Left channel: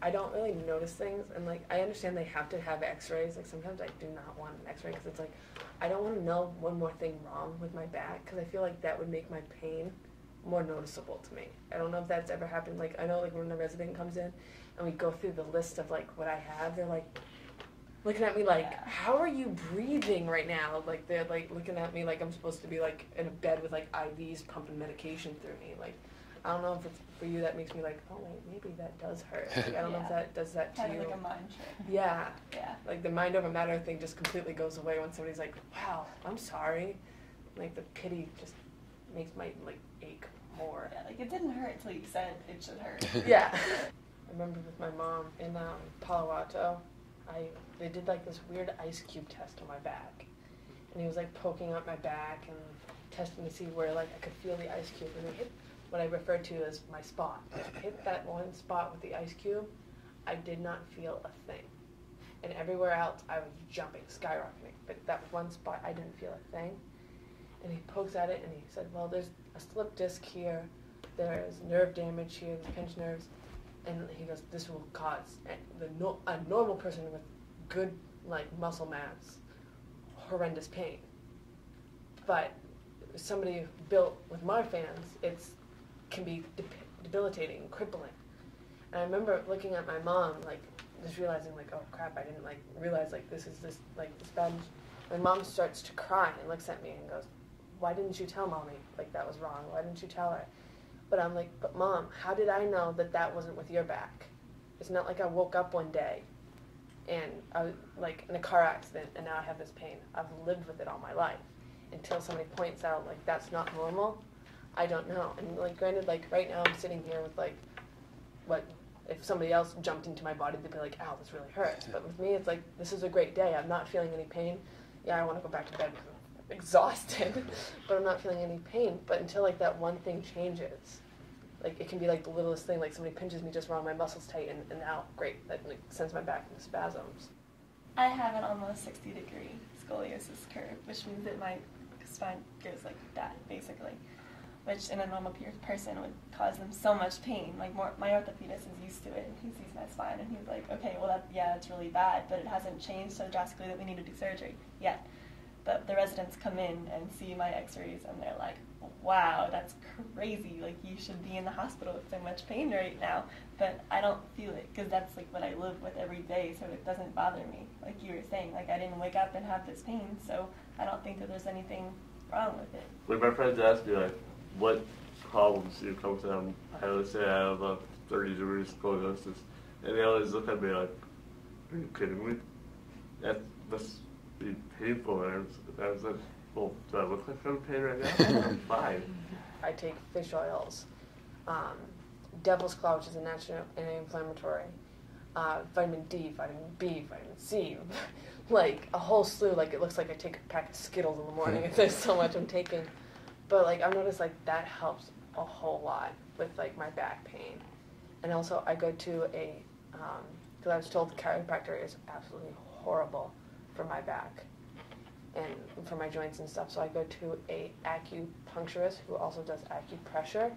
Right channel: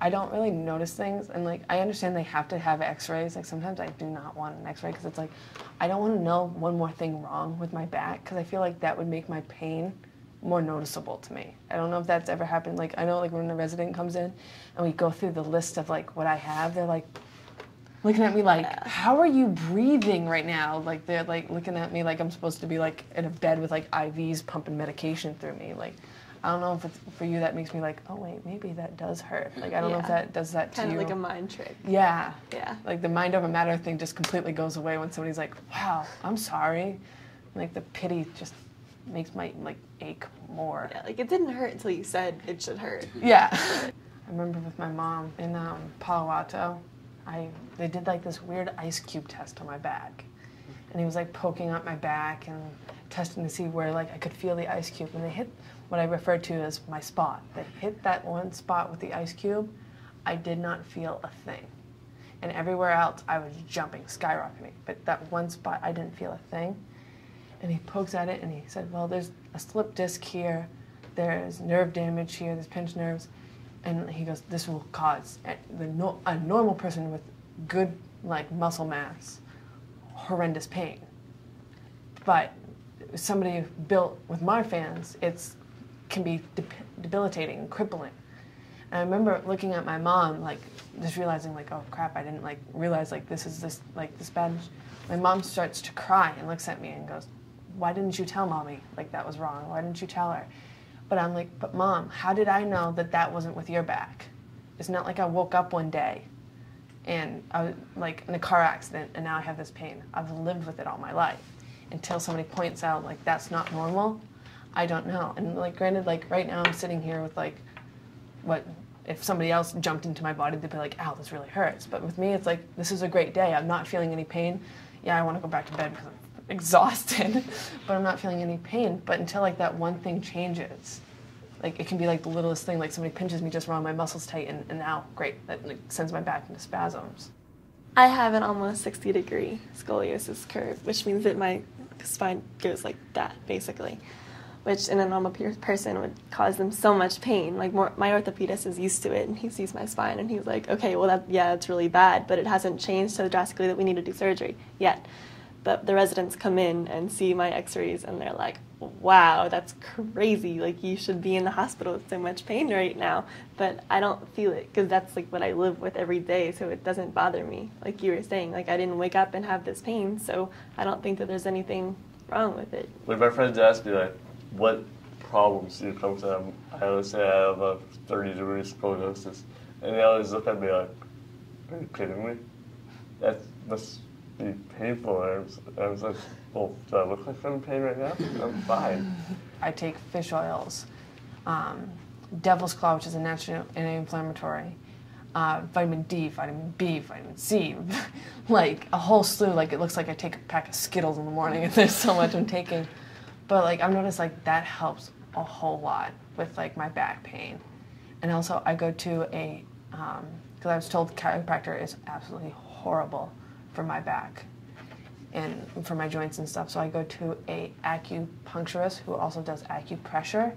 I don't really notice things, and like I understand they have to have x-rays. Like sometimes I do not want an x-ray because it's like I don't want to know one more thing wrong with my back because I feel like that would make my pain more noticeable to me. I don't know if that's ever happened. Like I know like when a resident comes in and we go through the list of like what I have, they're like looking at me like, how are you breathing right now? Like they're like looking at me like I'm supposed to be like in a bed with like IVs pumping medication through me. Like I don't know if it's for you that makes me like, oh wait, maybe that does hurt. Like I don't know if that does that to you. Kind of like a mind trick. Yeah. Yeah. Like the mind over matter thing just completely goes away when somebody's like, wow, I'm sorry. Like the pity just makes my like ache more. Yeah, like it didn't hurt until you said it should hurt. Yeah. I remember with my mom in Palo Alto, they did like this weird ice cube test on my back. And he was like poking up my back and testing to see where like I could feel the ice cube. And they hit what I refer to as my spot. Like hit that one spot with the ice cube, I did not feel a thing. And everywhere else I was jumping, skyrocketing. But that one spot I didn't feel a thing. And he pokes at it and he said, well, there's a slip disc here, there's nerve damage here, there's pinched nerves. And he goes, this will cause a normal person with good like muscle mass horrendous pain. But somebody built with Marfan's, can be debilitating and crippling. And I remember looking at my mom, like just realizing like, oh crap, I didn't like realize like this bad. My mom starts to cry and looks at me and goes, why didn't you tell mommy like that was wrong? Why didn't you tell her? But I'm like, but mom, how did I know that that wasn't with your back? It's not like I woke up one day and I was like in a car accident and now I have this pain. I've lived with it all my life. Until somebody points out like that's not normal, I don't know. And like granted, like right now I'm sitting here with like, what if somebody else jumped into my body, they'd be like, ow, this really hurts. But with me, it's like, this is a great day. I'm not feeling any pain. Yeah, I want to go back to bed because I'm exhausted, but I'm not feeling any pain. But until like that one thing changes, like it can be like the littlest thing, like somebody pinches me just wrong, my muscles tighten, and now, great, that like sends my back into spasms. I have an almost 60-degree scoliosis curve, which means that my spine goes like that, basically, which in a normal person would cause them so much pain. Like my orthopedist is used to it, and he sees my spine, and he's like, okay, well, yeah, it's really bad, but it hasn't changed so drastically that we need to do surgery yet. But the residents come in and see my x-rays, and they're like, wow, that's crazy. Like, you should be in the hospital with so much pain right now. But I don't feel it, because that's like what I live with every day, so it doesn't bother me. Like you were saying, like I didn't wake up and have this pain, so I don't think that there's anything wrong with it. When my friends ask me, like, what problems do you come to them, I always say I have a 30-degree scoliosis. And they always look at me like, are you kidding me? That must be painful. And I was like, well, do I look like I'm in pain right now? I'm fine. I take fish oils, devil's claw, which is a natural anti-inflammatory, vitamin D, vitamin B, vitamin C, like a whole slew. Like it looks like I take a pack of Skittles in the morning if there's so much I'm taking. But like I've noticed like that helps a whole lot with like my back pain. And also I go to a, because I was told chiropractor is absolutely horrible for my back and for my joints and stuff. So I go to a acupuncturist who also does acupressure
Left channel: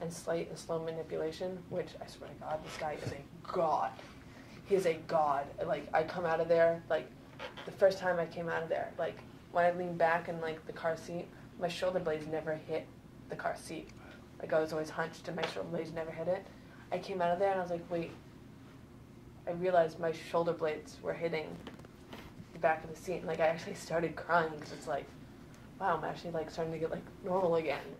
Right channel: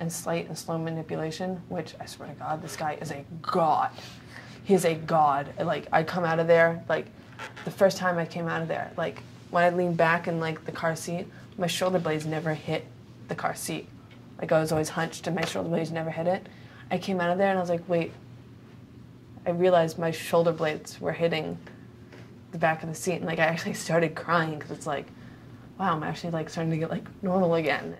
and slight and slow manipulation, which I swear to God, this guy is a god. He's a god. Like I come out of there, like the first time I came out of there, like when I leaned back in like the car seat, my shoulder blades never hit the car seat. Like I was always hunched and my shoulder blades never hit it. I came out of there and I was like, wait, I realized my shoulder blades were hitting the back of the seat, and like I actually started crying because it's like, wow, I'm actually like starting to get like normal again.